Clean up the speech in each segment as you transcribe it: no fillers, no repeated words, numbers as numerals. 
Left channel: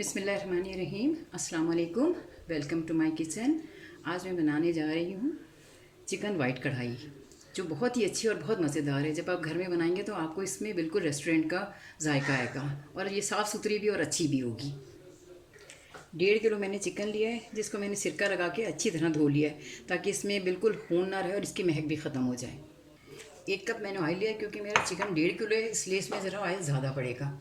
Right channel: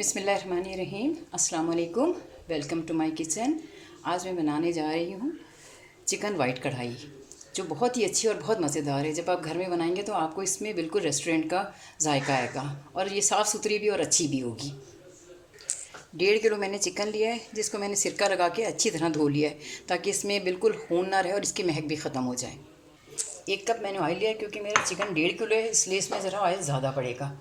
बिस्मिल्लाहिर्रहमानिर्रहीम। अस्सलाम वालेकुम। Welcome to my kitchen. आज मैं बनाने जा रही हूँ चिकन वाइट कढ़ाई, जो बहुत ही अच्छी और बहुत मज़ेदार है। जब आप घर में बनाएंगे तो आपको इसमें बिल्कुल रेस्टोरेंट का जायका आएगा और ये साफ़ सुथरी भी और अच्छी भी होगी। 1.5 किलो मैंने चिकन लिया है, जिसको मैंने सिरका लगा के अच्छी तरह धो लिया है, ताकि इसमें बिल्कुल खून ना रहे और इसकी महक भी ख़त्म हो जाए। 1 कप मैंने ऑयल लिया है, क्योंकि मेरा चिकन 1.5 किलो है, इसलिए इसमें ज़रा ऑयल ज़्यादा पड़ेगा।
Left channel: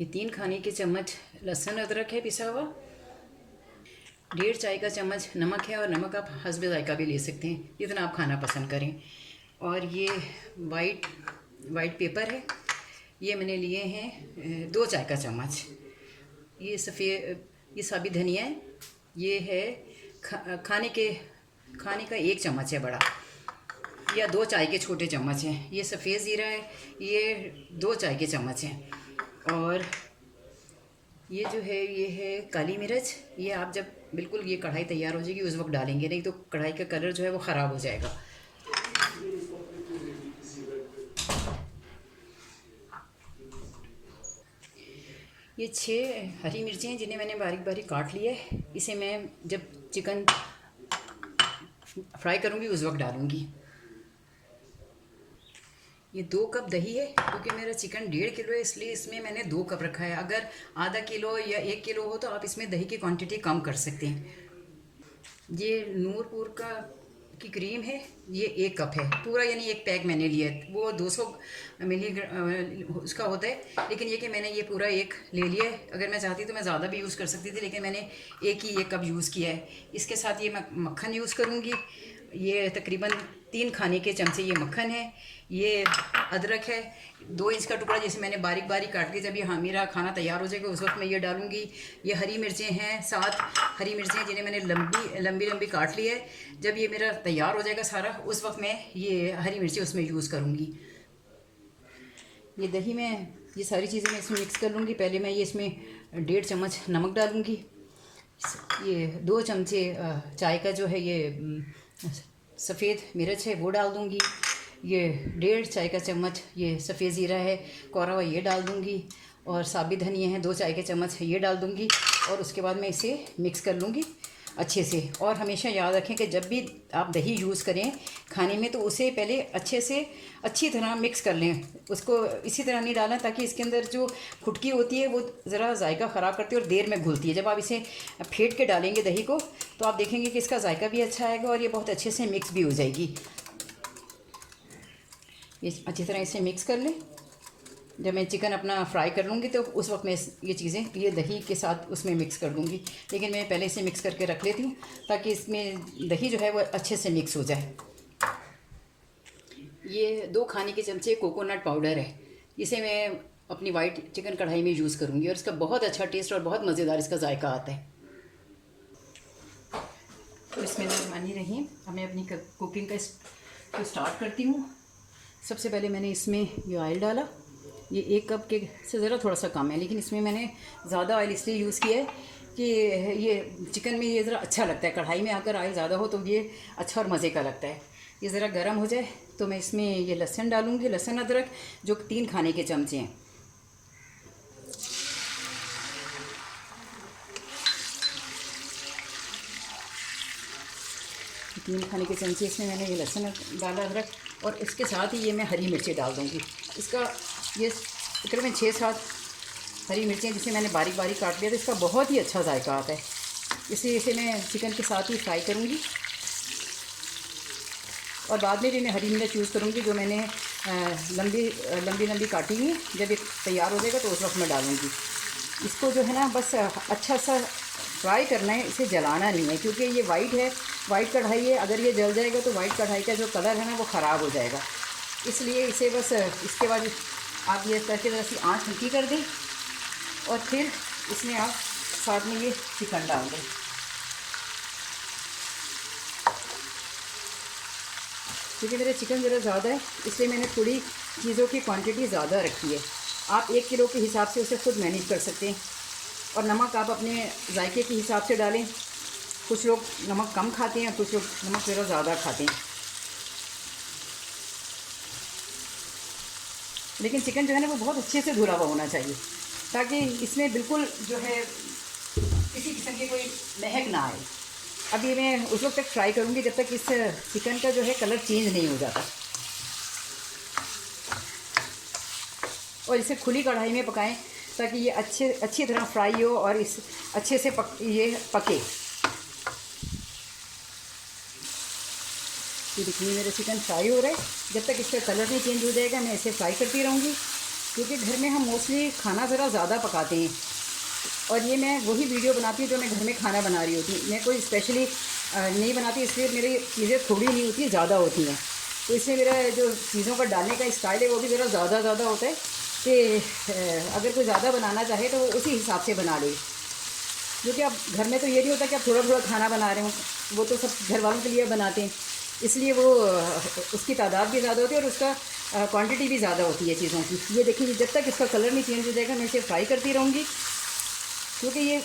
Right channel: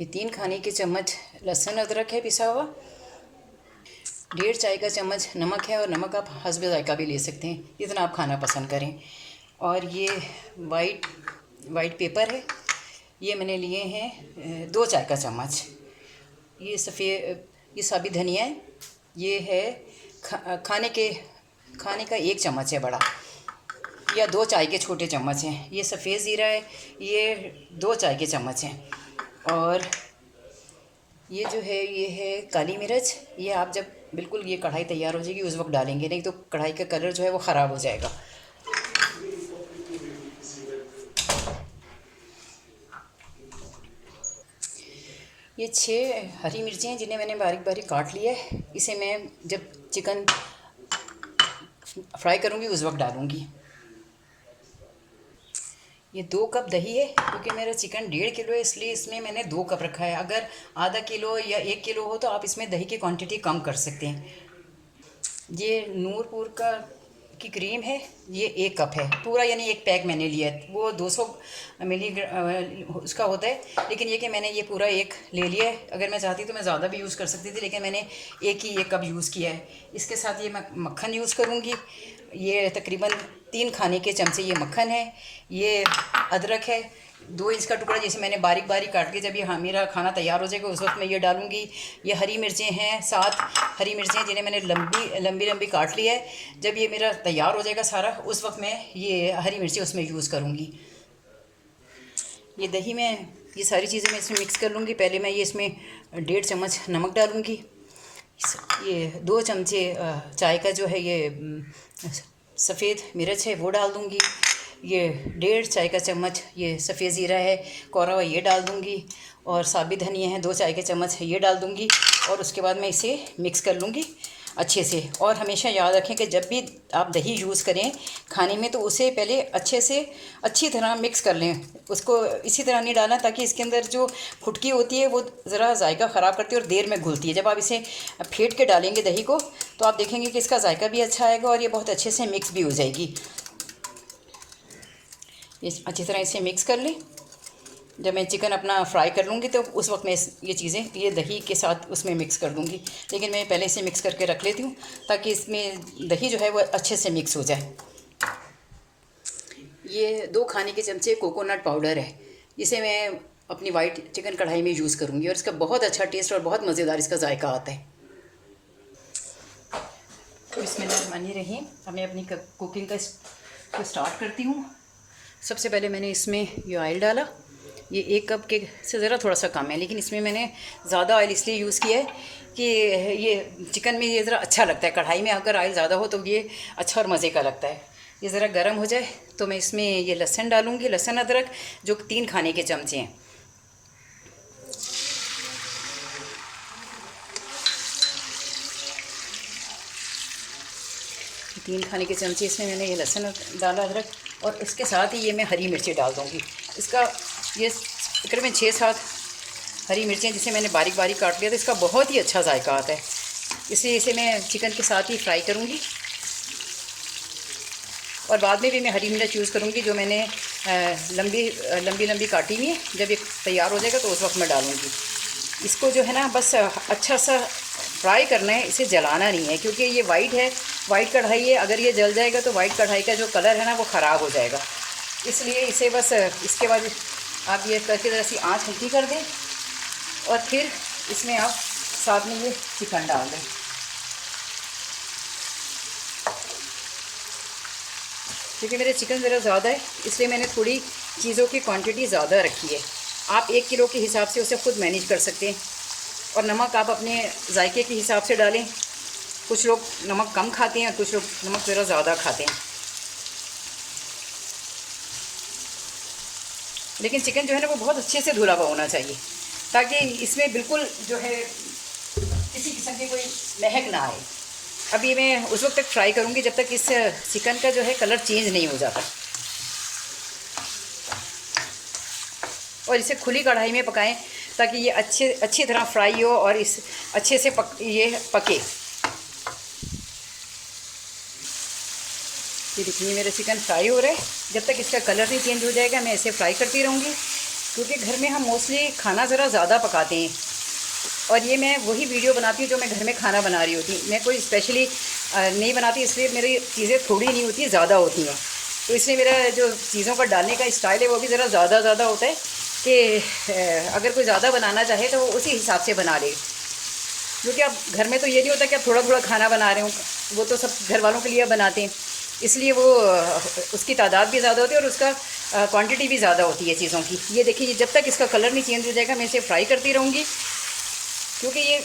ये 3 खाने के चम्मच लहसुन अदरक है पिसा हुआ, 1.5 चाय का चम्मच नमक है, और नमक आप हस्बे जायका भी ले सकते हैं, जितना आप खाना पसंद करें। और ये वाइट पेपर है, ये मैंने लिए हैं 2 चाय का चम्मच। ये ये साबित धनिया है, ये है खाने का 1 चम्मच है बड़ा, या 2 चाय के छोटे चम्मच हैं। ये सफ़ेद ज़ीरा है, ये 2 चाय के चम्मच हैं। और ये जो है ये है काली मिर्च। ये आप जब बिल्कुल ये कढ़ाई तैयार हो जाएगी उस वक्त डालेंगे, नहीं तो कढ़ाई का कलर जो है वो ख़राब हो जाएगा। ये 6 हरी मिर्चें हैं, जिन्हें मैंने बारीक बारीक काट लिया है। इसे मैं जब चिकन फ्राई करूँगी उस वक्त डालूँगी। ये 2 कप दही है, क्योंकि मेरा चिकन 1.5 किलो है, इसलिए इसमें मैंने 2 कप रखा है। अगर आधा किलो या 1 किलो हो तो आप इसमें दही की क्वांटिटी कम कर सकते हैं। ये नूरपुर की क्रीम है, ये 1 कप है पूरा, यानी 1 पैक मैंने लिया है। वो 200 मिली उसका होता है, लेकिन ये कि मैंने ये पूरा 1 ले लिया है। अगर मैं चाहती तो मैं ज़्यादा भी यूज़ कर सकती थी, लेकिन मैंने 1 कप यूज़ किया है। इसके साथ ये मैं मक्खन यूज़ करूँगी। ये तकरीबन 3 खाने के चमचे ये मक्खन है। ये अदरक है 2 इंच का टुकड़ा, जैसे मैंने बारीक बारीक काट के, जब ये मेरा खाना तैयार हो जाएगा उस वक्त मैं ये डालूँगी। ये हरी मिर्चें हैं 7 हरी मिर्चें, जिन्हें मैंने लंबी लंबी काट लिया है। जब ये मेरा तैयार हो जाएगा सारा, उस वक्त मैं ये हरी मिर्चें उसमें यूज़ करूँगी। ये दही में ये सारी चीज़ें मैं इसमें मिक्स कर लूँगी। पहले मैं ये इसमें 1.5 चम्मच नमक डालूँगी। ये 2 चमचे चाय का जो है ये सफ़ेद मिर्च है वो डाल दूँगी। ये 1.5 चाय का चम्मच ये सफ़ेद ज़ीरा है कोरा हुआ, ये डाल दूँगी। और साबित धनिया है 2 चाय के चम्मच, ये डाल दूँगी। और उसके बाद मैं इसे मिक्स कर लूँगी अच्छे से। और हमेशा याद रखें कि जब भी आप दही यूज़ करें खाने में, तो उसे पहले अच्छी तरह मिक्स कर लें। उसको इसी तरह नहीं डालना, ताकि इसके अंदर जो फुटकी होती है वो ज़रा जायका ख़राब करती है और देर में घुलती है। जब आप इसे फेंट के डालेंगे दही को, तो आप देखेंगे कि इसका जायका भी अच्छा आएगा और ये बहुत अच्छे से मिक्स भी हो जाएगी। ये अच्छी तरह इसे मिक्स कर लें। जब मैं चिकन अपना फ्राई कर लूँगी तो उस वक्त मैं ये चीज़ें ये दही के साथ उसमें मिक्स कर दूँगी, लेकिन मैं पहले से मिक्स करके रख लेती हूँ, ताकि इसमें दही जो है वो अच्छे से मिक्स हो जाए। ये 2 खाने के चमचे कोकोनट पाउडर है, इसे मैं अपनी वाइट चिकन कढ़ाई में यूज़ करूँगी, और इसका बहुत अच्छा टेस्ट और बहुत मज़ेदार इसका जायका आता है। बिस्मिल्लाहिर्रहमानिर्रहीम। अब मैं अपनी कुकिंग को स्टार्ट करती हूँ। सबसे पहले मैंने इसमें ये ऑयल डाला। ये 1 कप के से ज़रा थोड़ा सा कम है, लेकिन इसमें मैंने ज़्यादा ऑयल इसलिए यूज़ किया है कि ये चिकन में ये ज़रा अच्छा लगता है। कढ़ाई में अगर ऑयल ज़्यादा हो तो ये अच्छा और मज़े का लगता है। ये ज़रा गर्म हो जाए तो मैं इसमें ये लहसुन डालूँगी, लहसुन अदरक, जो 3 खाने के चमचे हैं। तीन खाने के चमचे इसमें मैंने ये लहसुन डाला, अदरक, और इसके साथ ही ये मैं हरी मिर्ची डाल दूँगी। इसका ये तकरीबन 6-7 हरी मिर्चें जिसे मैंने बारीक बारीक काट लिया था, इसका बहुत ही अच्छा जायका आता है। इसलिए इसे मैं चिकन के साथ ही फ्राई करूँगी, और बाद में भी मैं हरी मिर्च यूज़ करूँगी, जो मैंने लंबी काटी हुई है। जब ये तैयार हो जाएगा तो उस वक्त मैं डालूँगी। इसको जो है ना बस अच्छा सा फ्राई करना है, इसे जलाना नहीं है, क्योंकि ये वाइट कढ़ाई है। अगर ये जल जाएगा तो वाइट कढ़ाई का जो कलर है ना वो ख़राब हो जाएगा। इसलिए इसे बस इसके बाद आप ये करके ज़रा सी आँच हल्की कर दें, और फिर इसमें आप साथ में ये चिकन डाल दें। क्योंकि मेरे चिकन ज़रा ज़्यादा है, इसलिए मैंने थोड़ी चीज़ों की क्वांटिटी ज़्यादा रखी है। आप 1 किलो के हिसाब से उसे खुद मैनेज कर सकते हैं। और नमक आप अपने जायके के हिसाब से डालें। कुछ लोग नमक कम खाते हैं, कुछ लोग नमक ज़रा ज़्यादा खाते हैं। लेकिन चिकन जो है ना वो बहुत अच्छे से धुला हुआ होना चाहिए। ताकि इसमें बिल्कुल जो है किसी किस्म की कोई महक ना आए। अब ये मैं उस वक्त तक फ्राई करूँगी जब तक इस चिकन का जो है कलर चेंज नहीं हो जाता। और इसे खुली कढ़ाई में पकाएं ताकि ये अच्छी तरह फ्राई हो और इस अच्छे से ये पके। ये देखिए मेरा चिकन फ्राई हो रहा है। जब तक इसका कलर नहीं चेंज हो जाएगा मैं इसे फ्राई करती रहूँगी, क्योंकि घर में हम मोस्टली खाना ज़रा ज़्यादा पकाते हैं। और ये मैं वही वीडियो बनाती हूँ जो मैं घर में खाना बना रही होती। मैं कोई स्पेशली नहीं बनाती, इसलिए मेरी चीज़ें थोड़ी नहीं होती, ज़्यादा होती हैं। तो इसलिए मेरा जो चीज़ों का डालने का स्टाइल है वो भी ज़रा ज़्यादा होता है कि अगर कोई ज़्यादा बनाना चाहे तो उसी हिसाब से बना ले। क्योंकि अब घर में तो ये नहीं होता कि आप थोड़ा थोड़ा खाना बना रहे हो, वो तो सब घर वालों के लिए बनाते हैं, इसलिए वो उसकी तादाद भी ज़्यादा होती है और उसका क्वांटिटी भी ज़्यादा होती है चीज़ों की। ये देखिए जब तक इसका कलर नहीं चेंज हो जाएगा मैं इसे फ्राई करती रहूँगी, क्योंकि ये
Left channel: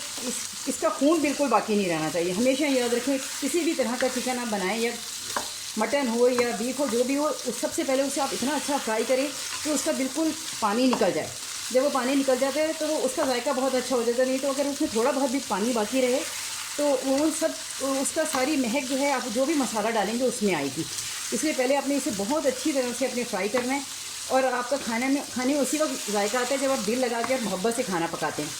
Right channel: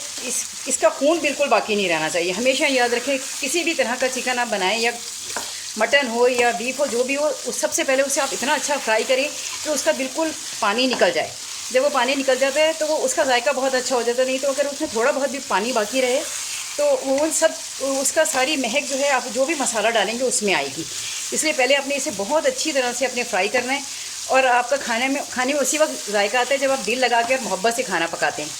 इसका खून बिल्कुल बाकी नहीं रहना चाहिए। हमेशा याद रखें, किसी भी तरह का चिकन आप बनाएं या मटन हो या बीफ हो, जो भी हो, सबसे पहले उसे आप इतना अच्छा फ्राई करें कि उसका बिल्कुल पानी निकल जाए। जब वो पानी निकल जाता है तो वो उसका जायका बहुत अच्छा हो जाता है। नहीं तो अगर उसमें थोड़ा बहुत भी पानी बाकी रहे तो वो सब उसका सारी महक जो है आप जो भी मसाला डालेंगे उसमें आएगी। इसलिए पहले आपने इसे बहुत अच्छी तरह से अपने फ्राई करना है और आपका खाने में उसी वक्त जायका आता है जब आप दिल लगा के और मोहब्बत से खाना पकाते हैं।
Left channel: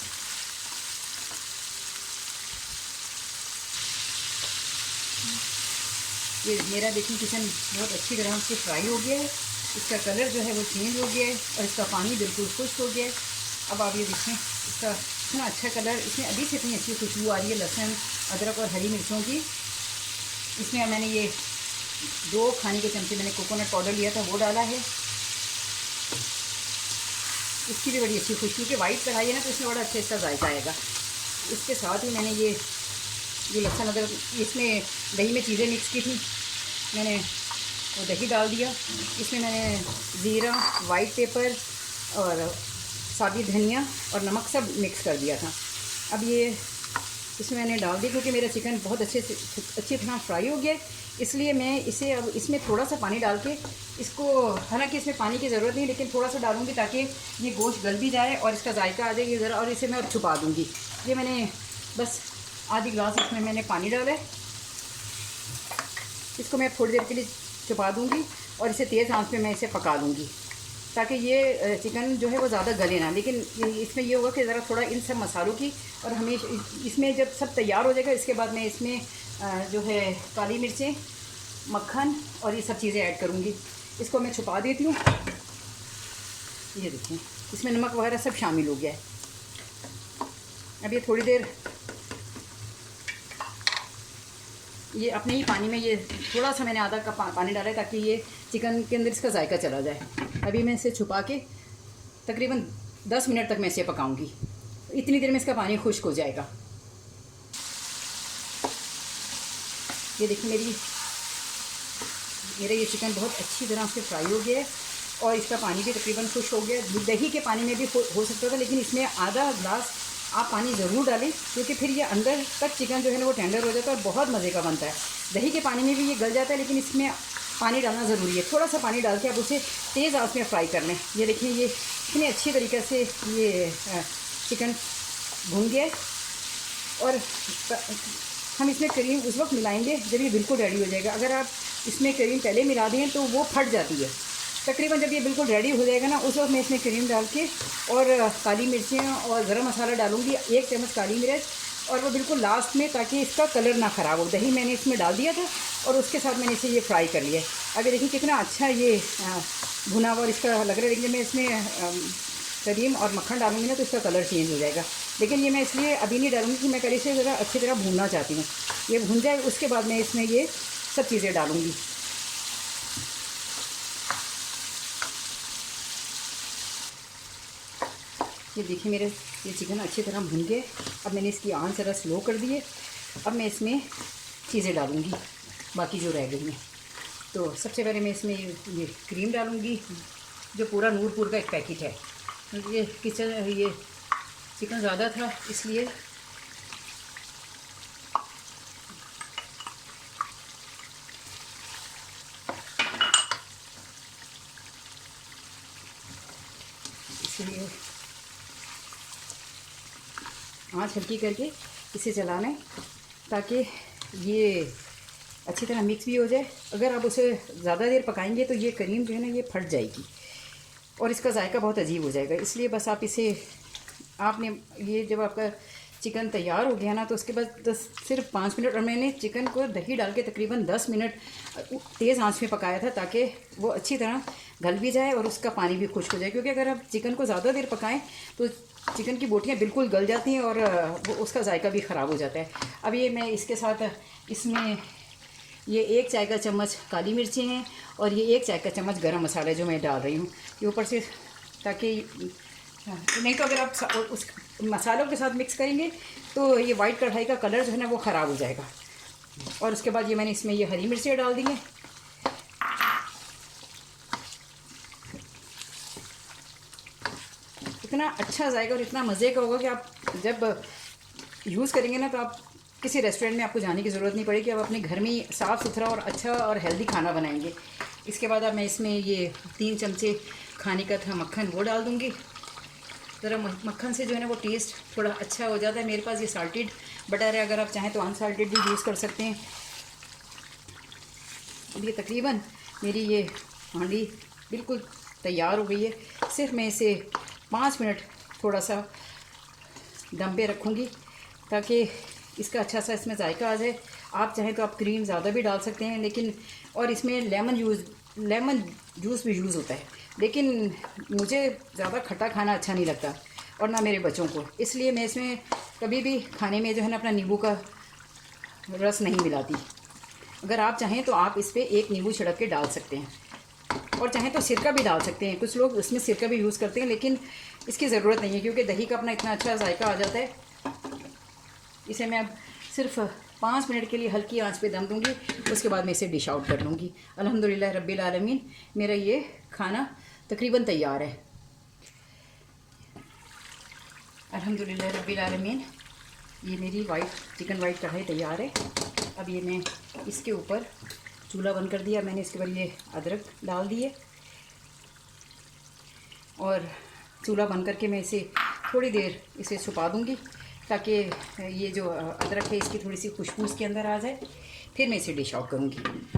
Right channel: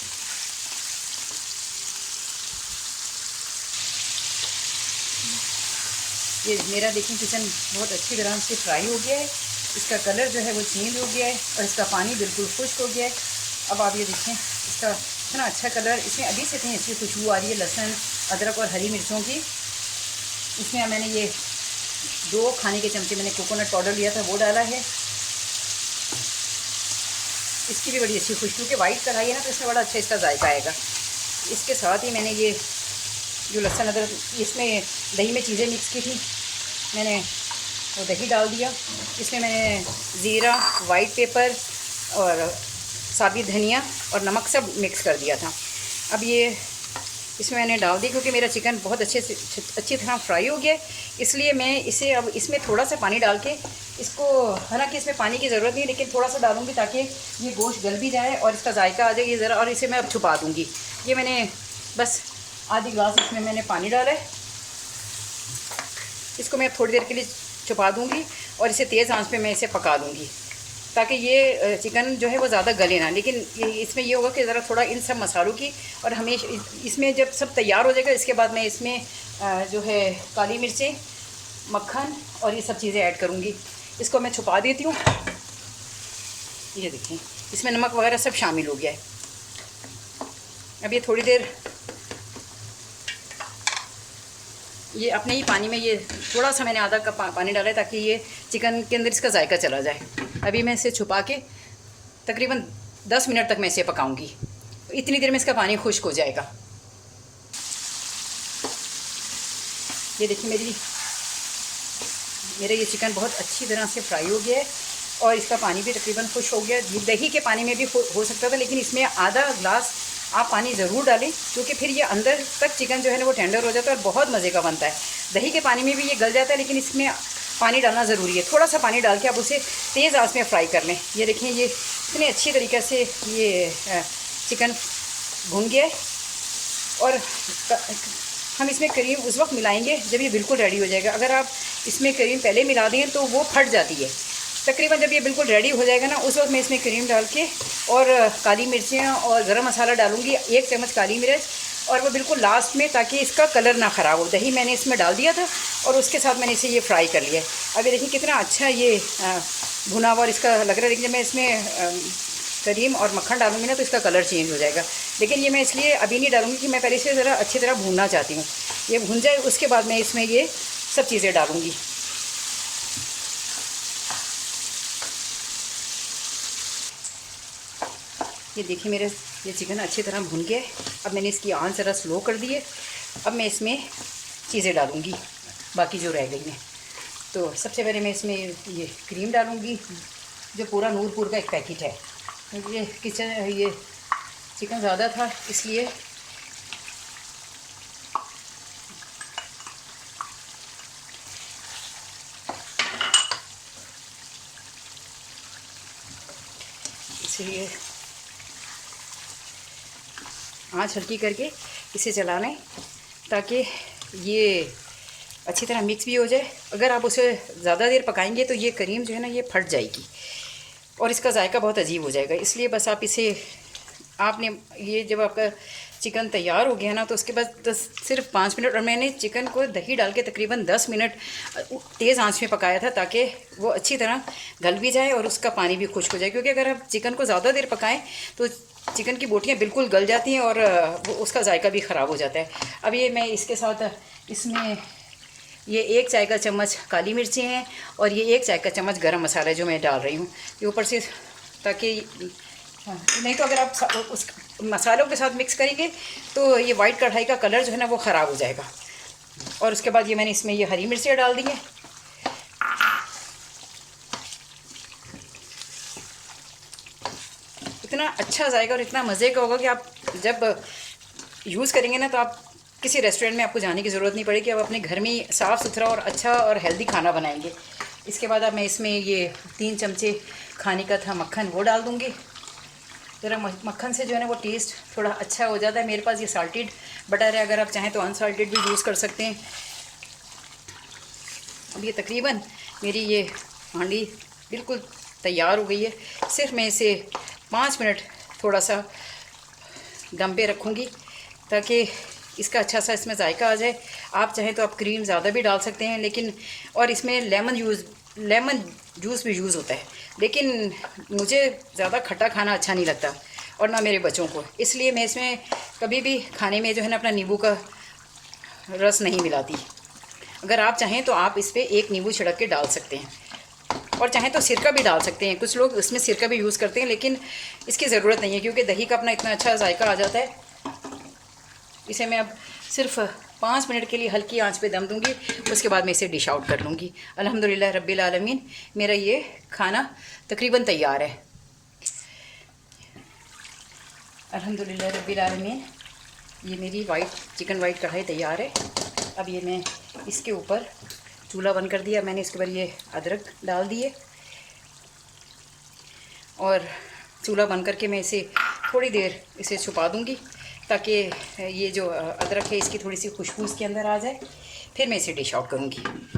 ये मेरा देखिए चिकन बहुत अच्छी तरह से फ्राई हो गया है। इसका कलर जो है वो चेंज हो गया है और इसका पानी बिल्कुल खुश्क हो गया है। अब आप ये देखें इसका इतना अच्छा कलर, इसमें अभी से इतनी अच्छी खुशबू आ रही है लहसुन, अदरक और हरी मिर्चों की। इसमें मैंने ये 2 खाने के चमचे मैंने कोकोनट पाउडर लिया था, वो डाला है। इसकी भी बड़ी अच्छी खुशबू, कि वाइट कढ़ाई है ना तो इसमें बड़ा अच्छा इसका जायका आएगा। इसके साथ ही मैंने ये जो लहसुन अदरक, इसमें दही में चीज़ें मिक्स की थी, मैंने वो दही डाल दिया। इसमें मैंने ज़ीरा, वाइट पेपर और साबुत धनिया और नमक सब मिक्स कर दिया था। अब ये इसमें मैंने डाल दी, क्योंकि मेरा चिकन बहुत अच्छी तरह फ्राई हो गया, इसलिए मैं इसे अब इसमें थोड़ा सा पानी डाल के इसको, हालांकि इसमें पानी की ज़रूरत नहीं, लेकिन थोड़ा सा डालूँगी ताकि ये गोश्त गल भी जाए और इसका जायका आ जाए ये ज़रा। और इसे मैं अब छुपा दूँगी। ये मैंने बस आधी गिलास इसमें मैंने पानी डाला है। इसको मैं थोड़ी देर के लिए छुपा दूँगी और इसे तेज़ आंच पे मैं इसे पका दूँगी, ताकि ये चिकन जो है वो ज़्यादा गले ना। लेकिन इसमें ये होगा कि ज़रा थोड़ा इन सब मसालों की, और हमेशा इसमें जब सब तैयार हो जाएगा इसके बाद मैं इसमें जो है काली मिर्चें, मक्खन और ये सब चीज़ें ऐड करूँगी। इसको मैं छुपा देती हूँ। ये देखिए इसमें नमक वगैरह सब शामिल हो गया है। अब ये थोड़ी देर ये अपने ही पानी में, ये थोड़ा सा मैंने आधा कप पानी डाला है ताकि ये चिकन के अंदर इसका जायका चला जाए। अभी मैं इसे छुपा के तकरीबन 10 मिनट तक मैं इसे पकाऊंगी। इतनी देर में इसका पानी खुश्क हो जाएगा। ये देखिए मेरा ये चिकन बहुत अच्छी तरह से फ्राई हो गया है और इसका पानी भी तकरीबन खुश्क हो गया। दही के पानी में भी हो सकता था, लेकिन इसमें आधा ग्लास आप पानी ज़रूर डालें, क्योंकि फिर ये अंदर तक चिकन जो है ना वो टेंडर हो जाता है और बहुत मज़े का बनता है। दही के पानी में भी ये गल जाता है, लेकिन इसमें पानी डालना ज़रूरी है। थोड़ा सा पानी डाल के आप उसे तेज़ आंच में फ्राई कर लें। ये देखें ये इतने अच्छी तरीक़े से ये चिकन भुन गया। और हम इसमें क्रीम उस वक्त मिलाएंगे जब ये बिल्कुल रेडी हो जाएगा। अगर आप इसमें क्रीम पहले मिला दें तो वो फट जाती है। तकरीबन जब ये बिल्कुल रेडी हो जाएगा ना, उस वक्त मैं इसमें क्रीम डाल के और काली मिर्चें और गरम मसाला डालूंगी, 1 चम्मच काली मिर्च, और वो बिल्कुल लास्ट में, ताकि इसका कलर ना ख़राब हो। दही मैंने इसमें डाल दिया था और उसके साथ मैंने इसे ये फ्राई कर लिया। अब ये देखिए कितना अच्छा ये भुना हुआ और इसका लग रहा है। लेकिन जब मैं इसमें क्रीम और मक्खन डालूंगी ना तो इसका कलर चेंज हो जाएगा। लेकिन ये मैं इसलिए अभी नहीं डालूंगी कि मैं पहले से ज़रा अच्छी तरह भूनना चाहती हूँ। ये भून जाए उसके बाद मैं इसमें ये सब चीज़ें डालूँगी। ये देखिए मेरे ये चिकन अच्छी तरह भुन गया है। अब मैंने इसकी आंच ज़रा स्लो कर दी है। अब मैं इसमें चीज़ें डालूँगी बाकी जो रह गई हैं। तो सबसे पहले मैं इसमें ये क्रीम डालूँगी, जो पूरा नूरपुर का एक पैकेट है। ये चिकन ज़्यादा था इसलिए आँच हल्की करके इसे चला लें ताकि ये अच्छी तरह मिक्स भी हो जाए। अगर आप उसे ज़्यादा देर पकाएंगे तो ये करीम जो है ना ये फट जाएगी और इसका जायका बहुत अजीब हो जाएगा। इसलिए बस आप इसे आपने ये जब आपका चिकन तैयार हो गया ना तो उसके बाद सिर्फ 5 मिनट, और मैंने चिकन को दही डाल के तकरीबन 10 मिनट तेज़ आंच में पकाया था ताकि वो अच्छी तरह गल भी जाए और उसका पानी भी खुश्क हो जाए। क्योंकि अगर आप चिकन को ज़्यादा देर पकाएं तो चिकन की बोटियाँ बिल्कुल गल जाती हैं और उसका जायका भी ख़राब हो जाता है। अब ये मैं इसके साथ इसमें ये 1 चाय का चम्मच काली मिर्ची हैं और ये 1 चाय का चम्मच गरम मसाला जो मैं डाल रही हूँ ये ऊपर से, ताकि नहीं तो अगर आप उस मसालों के साथ मिक्स करेंगे तो ये वाइट कढ़ाई का कलर जो है ना वो ख़राब हो जाएगा। और उसके बाद ये मैंने इसमें ये हरी मिर्चियाँ डाल दी हैं। इतना अच्छा जाएगा और इतना मज़े का होगा कि आप जब यूज़ करेंगे ना तो आप किसी रेस्टोरेंट में आपको जाने की ज़रूरत नहीं पड़ेगी। आप अपने घर में ही साफ़ सुथरा और अच्छा और हेल्दी खाना बनाएंगे। इसके बाद अब मैं इसमें ये 3 चमचे खाने का था मक्खन वो डाल दूँगी। ज़रा मक्खन से जो है ना वो टेस्ट थोड़ा अच्छा हो जाता है। मेरे पास ये साल्टेड बटर है, अगर आप चाहें तो अनसाल्टेड भी यूज़ कर सकते हैं। अब ये तकरीबन मेरी ये हांडी बिल्कुल तैयार हो गई है। सिर्फ मैं इसे 5 मिनट थोड़ा सा दम पे रखूँगी ताकि इसका अच्छा सा इसमें जायका आ जाए। आप चाहें तो आप क्रीम ज़्यादा भी डाल सकते हैं, लेकिन और इसमें लेमन जूस भी यूज़ होता है, लेकिन मुझे ज़्यादा खट्टा खाना अच्छा नहीं लगता और ना मेरे बच्चों को। इसलिए मैं इसमें कभी भी खाने में जो है ना अपना नींबू का रस नहीं मिलाती। अगर आप चाहें तो आप इस पर 1 नींबू छिड़क के डाल सकते हैं और चाहें तो सिरका भी डाल सकते हैं। कुछ लोग इसमें सिरका भी यूज़ करते हैं, लेकिन इसकी ज़रूरत नहीं है क्योंकि दही का अपना इतना अच्छा जायका आ जाता है। इसे मैं अब सिर्फ 5 मिनट के लिए हल्की आंच पे दम दूंगी, उसके बाद मैं इसे डिश आउट कर लूँगी। अल्हम्दुलिल्लाह रब्बिल आलमीन, मेरा ये खाना तकरीबन तैयार है। अल्हम्दुलिल्लाह रब्बिल आलमीन, ये मेरी चिकन वाइट कढ़ाई तैयार है। अब ये मैं इसके ऊपर चूल्हा बंद कर दिया मैंने, इसके ऊपर ये अदरक डाल दिए और चूल्हा बंद करके मैं इसे थोड़ी देर इसे छुपा दूँगी ताकि ये जो अदरक है इसकी थोड़ी सी खुशबू इसके अंदर आ जाए। फिर मैं इसे डिश आउट करूँगी।